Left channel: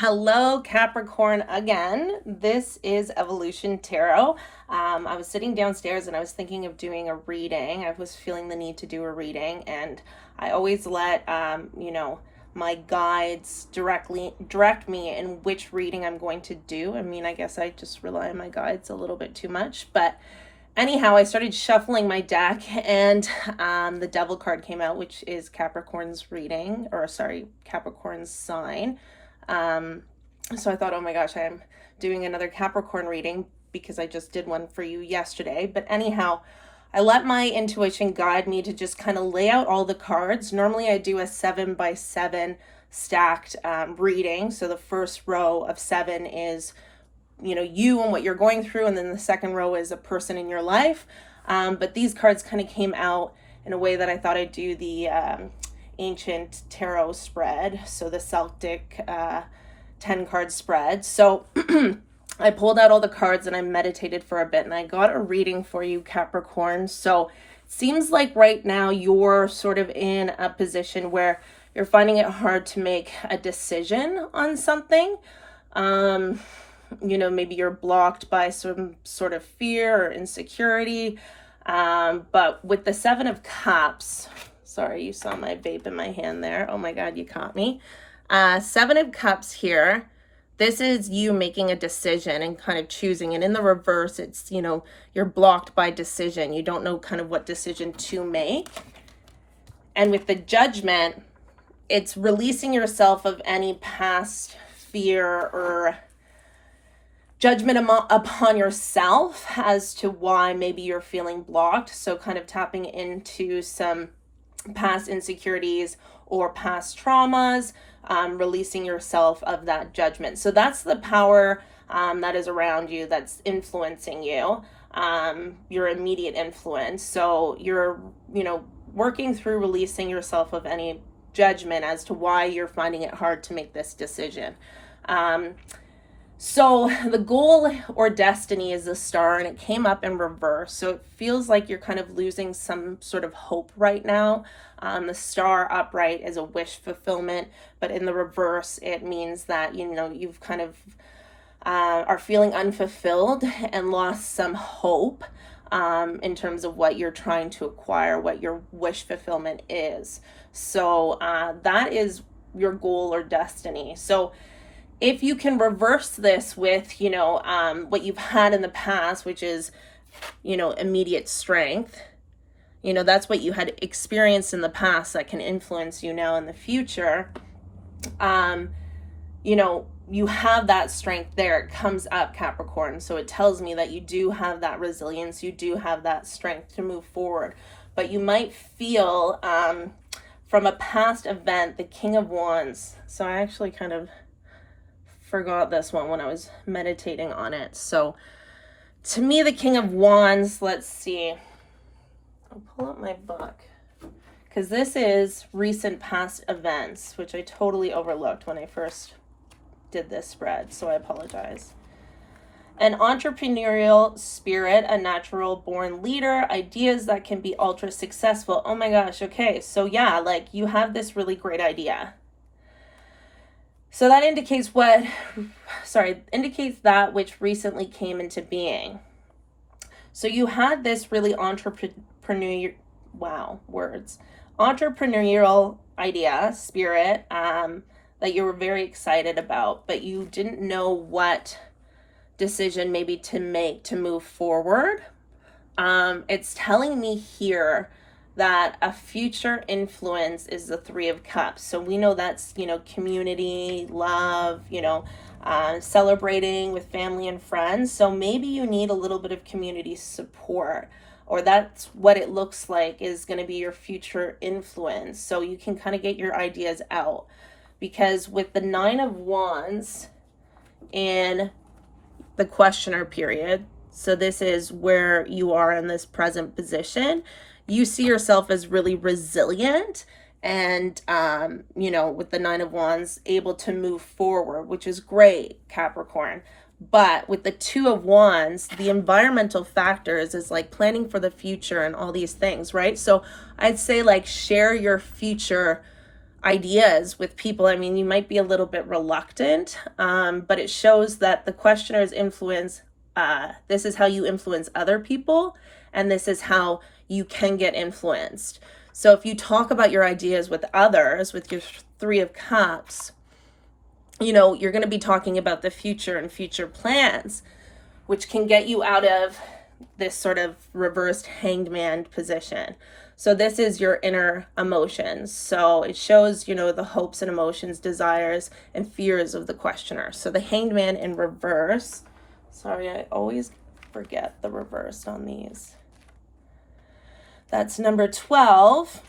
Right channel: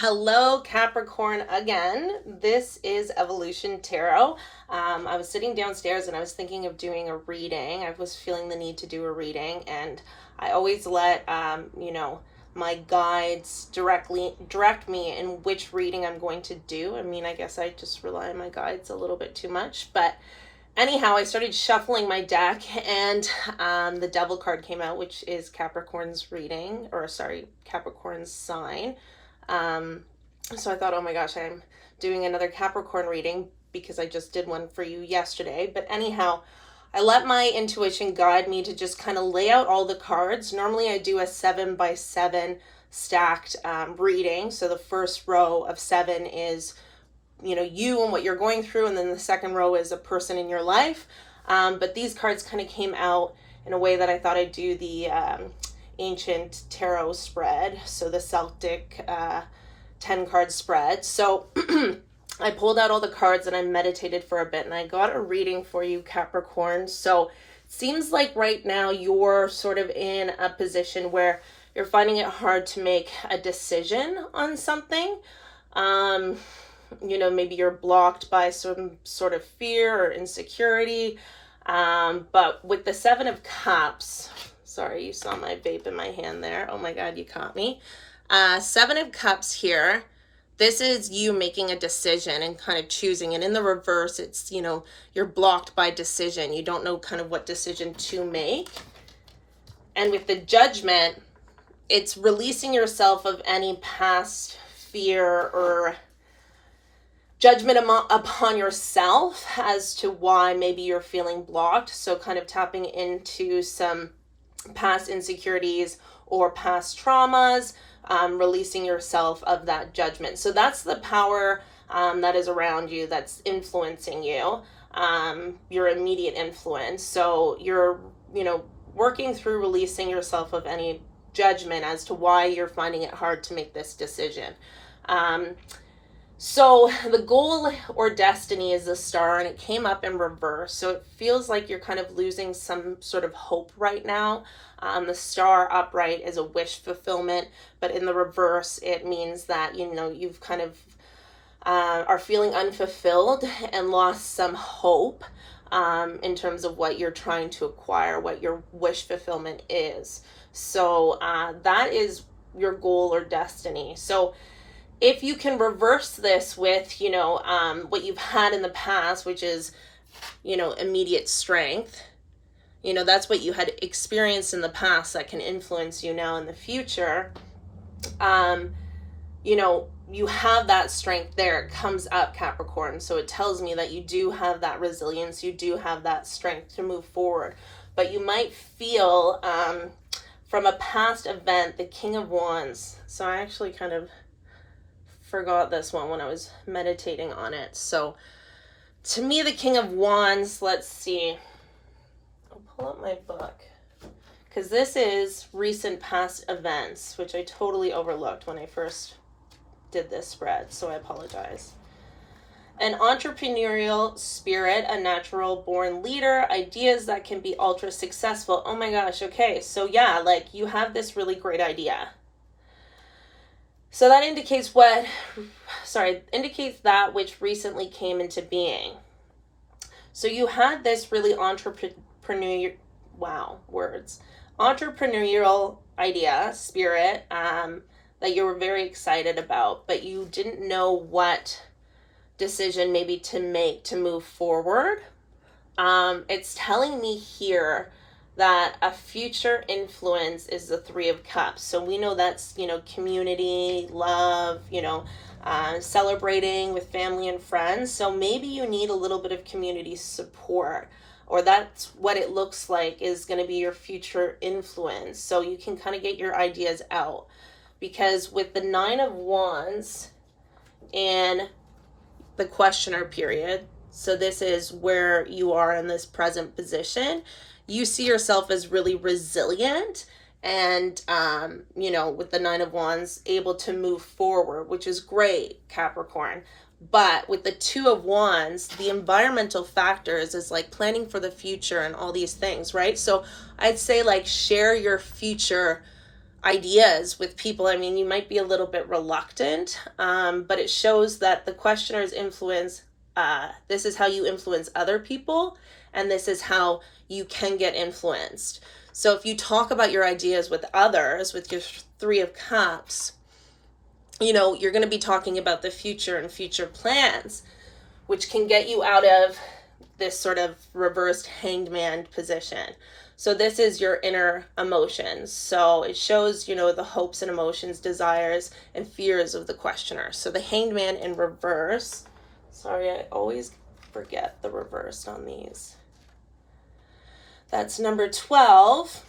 Hello, Capricorn again. This is Evolution Tarot. I was sitting downstairs and I was thinking of doing a reading. I was feeling the need to do a reading, and I always let my guides direct me in which reading I'm going to do. I mean, I guess I just rely on my guides a little bit too much, but anyhow, I started shuffling my deck, and the Devil card came out, which is Capricorn's reading, or sorry, Capricorn's sign. Um, so I thought, oh my gosh, I'm doing another Capricorn reading because I just did one for you yesterday. But anyhow, I let my intuition guide me to just kind of lay out all the cards. Normally, I do a 7 by 7 stacked reading. So the first row of 7 is you and what you're going through, and then the second row is a person in your life. But these cards kind of came out in a way that I thought I'd do the ancient tarot spread, so the Celtic 10 card spread. So I pulled out all the cards and I meditated for a bit, and I got a reading for you, Capricorn. So it seems like right now you're sort of in a position where you're finding it hard to make a decision on something. Maybe you're blocked by some sort of fear or insecurity. But with the 7 of Cups, sorry, you saw my vape in my hand there. Oh my God, you caught me. 7 of Cups here. This is you making a decision and kind of choosing. And in the reverse, it's, you're blocked by decision. You don't know kind of what decision to make. And with the Judgment, it's releasing yourself of any past fear or judgment upon yourself as to why maybe you're feeling blocked. So kind of tapping into some past insecurities or past traumas, releasing yourself of that judgment. So that's the power that is around you, that's influencing you, your immediate influence. So you're, working through releasing yourself of any judgment as to why you're finding it hard to make this decision. So the goal or destiny is the Star, and it came up in reverse. So it feels like you're kind of losing some sort of hope right now. The Star upright is a wish fulfillment, but in the reverse, it means that, you've kind of are feeling unfulfilled and lost some hope in terms of what you're trying to acquire, what your wish fulfillment is. So that is your goal or destiny. So if you can reverse this with, what you've had in the past, which is, immediate strength, that's what you had experienced in the past that can influence you now in the future. You have that strength there. It comes up, Capricorn. So it tells me that you do have that resilience. You do have that strength to move forward. But you might feel from a past event, the King of Wands. So I actually kind of forgot this one when I was meditating on it. So to me, the King of Wands, let's see. I'll pull up my book, because this is recent past events, which I totally overlooked when I first did this spread, so I apologize. An entrepreneurial spirit, a natural born leader, ideas that can be ultra successful. Oh my gosh, okay, so yeah, like you have this really great idea. So that indicates indicates that which recently came into being. So you had this really entrepreneurial idea, spirit, that you were very excited about, but you didn't know what decision maybe to make to move forward. It's telling me here that a future influence is the 3 of Cups. So we know that's, community, love, celebrating with family and friends. So maybe you need a little bit of community support, or that's what it looks like is going to be your future influence. So you can kind of get your ideas out, because with the 9 of Wands in the questioner period, so this is where you are in this present position, you see yourself as really resilient and, with the 9 of Wands, able to move forward, which is great, Capricorn. But with the 2 of Wands, the environmental factors is like planning for the future and all these things, right? So I'd say like share your future ideas with people. I mean, you might be a little bit reluctant, but it shows that the questioner's influence, this is how you influence other people, and this is how you can get influenced. So if you talk about your ideas with others, with your Three of Cups, you know, you're going to be talking about the future and future plans, which can get you out of this sort of reversed hanged man position. So this is your inner emotions. So it shows, you know, the hopes and emotions, desires and fears of the questioner. So the hanged man in reverse. Sorry, I always forget the reverse on these. That's number 12.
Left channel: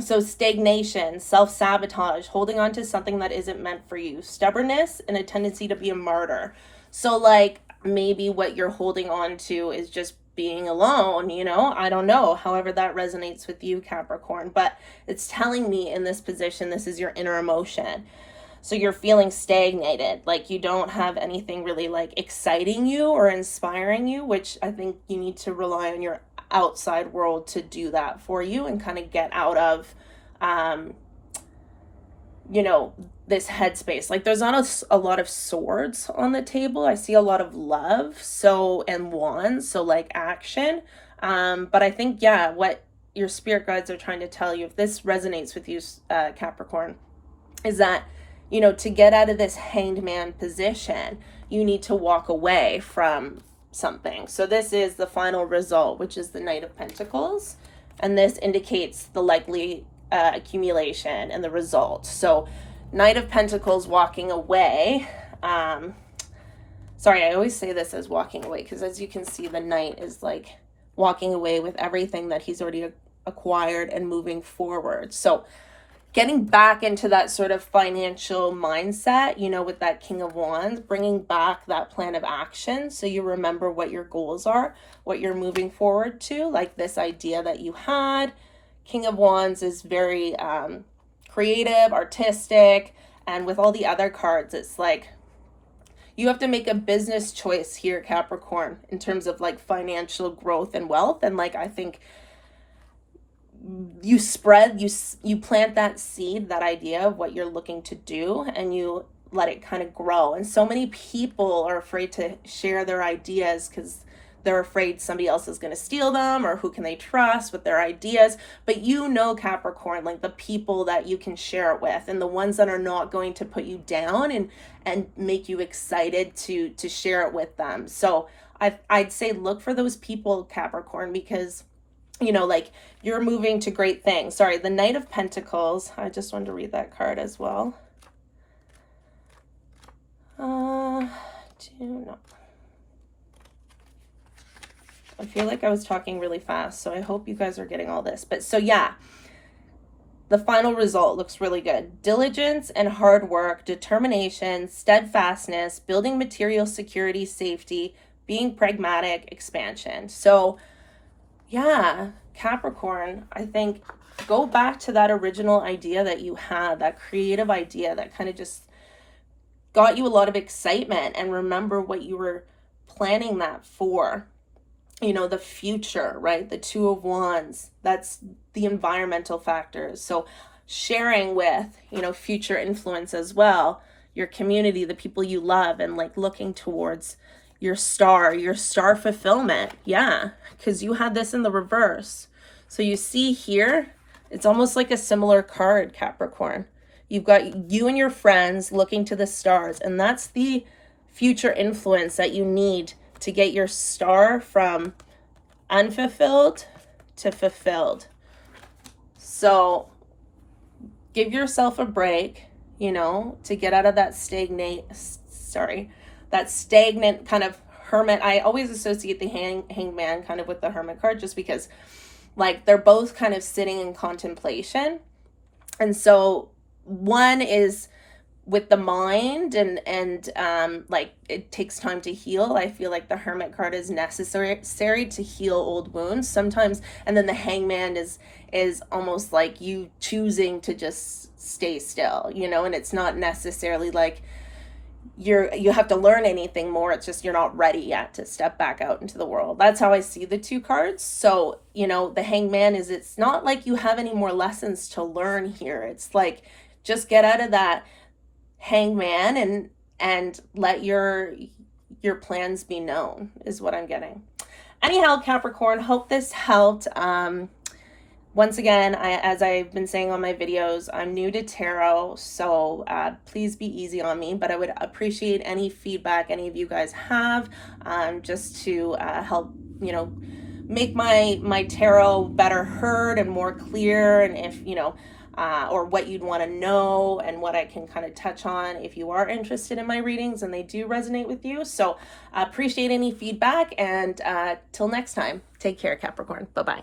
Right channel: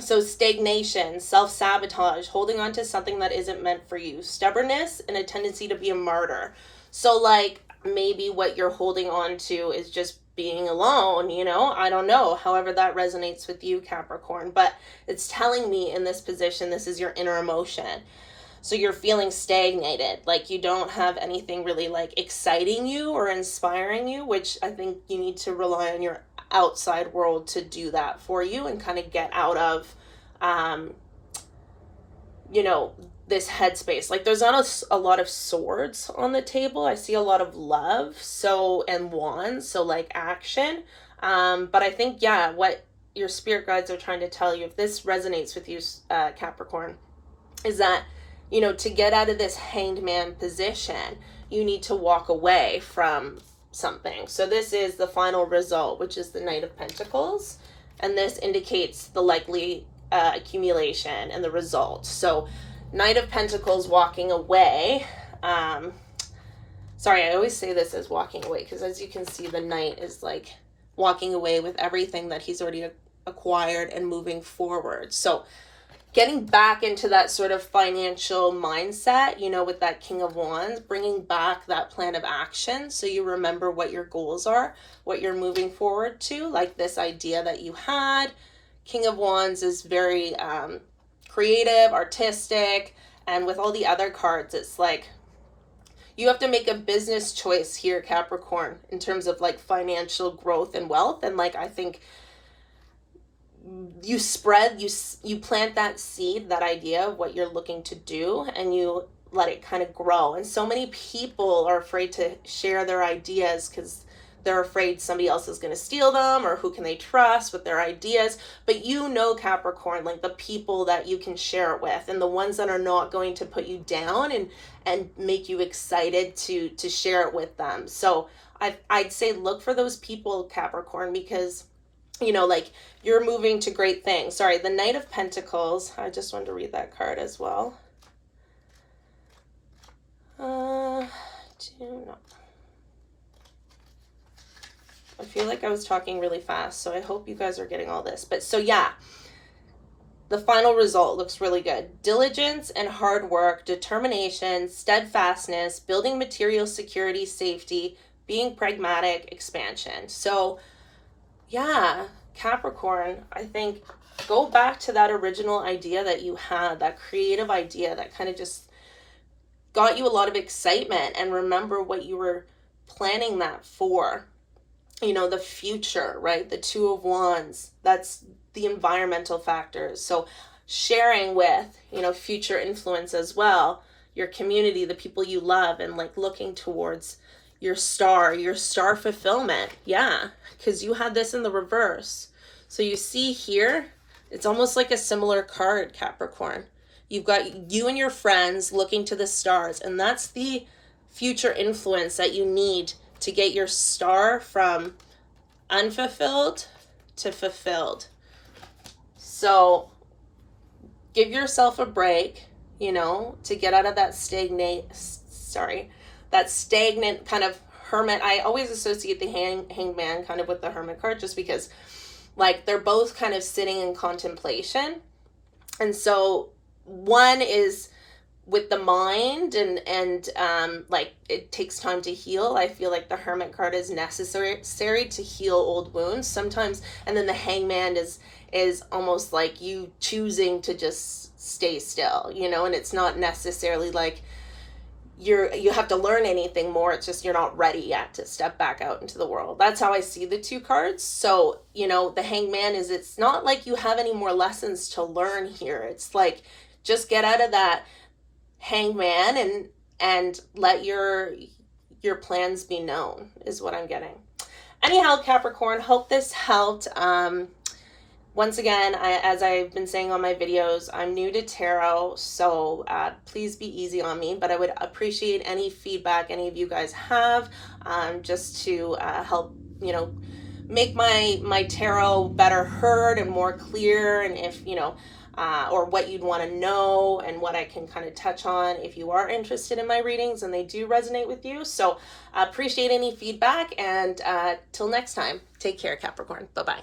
So stagnation, self-sabotage, holding on to something that isn't meant for you, stubbornness, and a tendency to be a martyr. So like maybe what you're holding on to is just being alone, you know, I don't know, however that resonates with you, Capricorn, but it's telling me in this position, this is your inner emotion. So you're feeling stagnated, like you don't have anything really like exciting you or inspiring you, which I think you need to rely on your outside world to do that for you and kind of get out of, you know, this headspace. Like there's not a lot of swords on the table. I see a lot of love, so, and wands, so like action. But I think, yeah, what your spirit guides are trying to tell you, if this resonates with you, Capricorn, is that, you know, to get out of this hanged man position, you need to walk away from something. So this is the final result, which is the Knight of Pentacles. And this indicates the likely accumulation and the result. So Knight of Pentacles walking away. Sorry, I always say this as walking away, because as you can see, the Knight is like walking away with everything that he's already acquired and moving forward. So getting back into that sort of financial mindset, you know, with that King of Wands, bringing back that plan of action so you remember what your goals are, what you're moving forward to, like this idea that you had. King of Wands is very creative, artistic, and with all the other cards, it's like you have to make a business choice here, Capricorn, in terms of like financial growth and wealth. And like, I think you plant that seed, that idea of what you're looking to do, and you let it kind of grow. And so many people are afraid to share their ideas because they're afraid somebody else is going to steal them, or who can they trust with their ideas. But you know, Capricorn, like the people that you can share it with, and the ones that are not going to put you down and make you excited to share it with them. So I'd say look for those people, Capricorn, because, you know, like you're moving to great things. Sorry, the Knight of Pentacles. I just wanted to read that card as well. No. I feel like I was talking really fast, so I hope you guys are getting all this. But so yeah, the final result looks really good. Diligence and hard work, determination, steadfastness, building material security, safety, being pragmatic, expansion. So yeah, Capricorn, I think go back to that original idea that you had, that creative idea that kind of just got you a lot of excitement, and remember what you were planning that for. You know, the future, right? The Two of Wands, that's the environmental factors. So sharing with, you know, future influence as well, your community, the people you love, and like looking towards your star fulfillment. Yeah, because you had this in the reverse. So you see here, it's almost like a similar card, Capricorn. You've got you and your friends looking to the stars, and that's the future influence that you need to get your star from unfulfilled to fulfilled. So give yourself a break, you know, to get out of that stagnant kind of hermit. I always associate the hanged man kind of with the hermit card, just because like they're both kind of sitting in contemplation. And so one is with the mind and like it takes time to heal. I feel like the hermit card is necessary to heal old wounds sometimes, and then the hangman is almost like you choosing to just stay still, you know, and it's not necessarily like you have to learn anything more. It's just you're not ready yet to step back out into the world. That's how I see the two cards. So, the Hangman is, it's not like you have any more lessons to learn here. It's like, just get out of that hangman and let your plans be known, is what I'm getting. Anyhow, Capricorn, hope this helped. Once again, as I've been saying on my videos, I'm new to tarot, so please be easy on me, but I would appreciate any feedback any of you guys have, just to help, make my tarot better heard and more clear, and if, or what you'd want to know and what I can kind of touch on if you are interested in my readings and they do resonate with you. So appreciate any feedback, and till next time, take care, Capricorn. Bye-bye.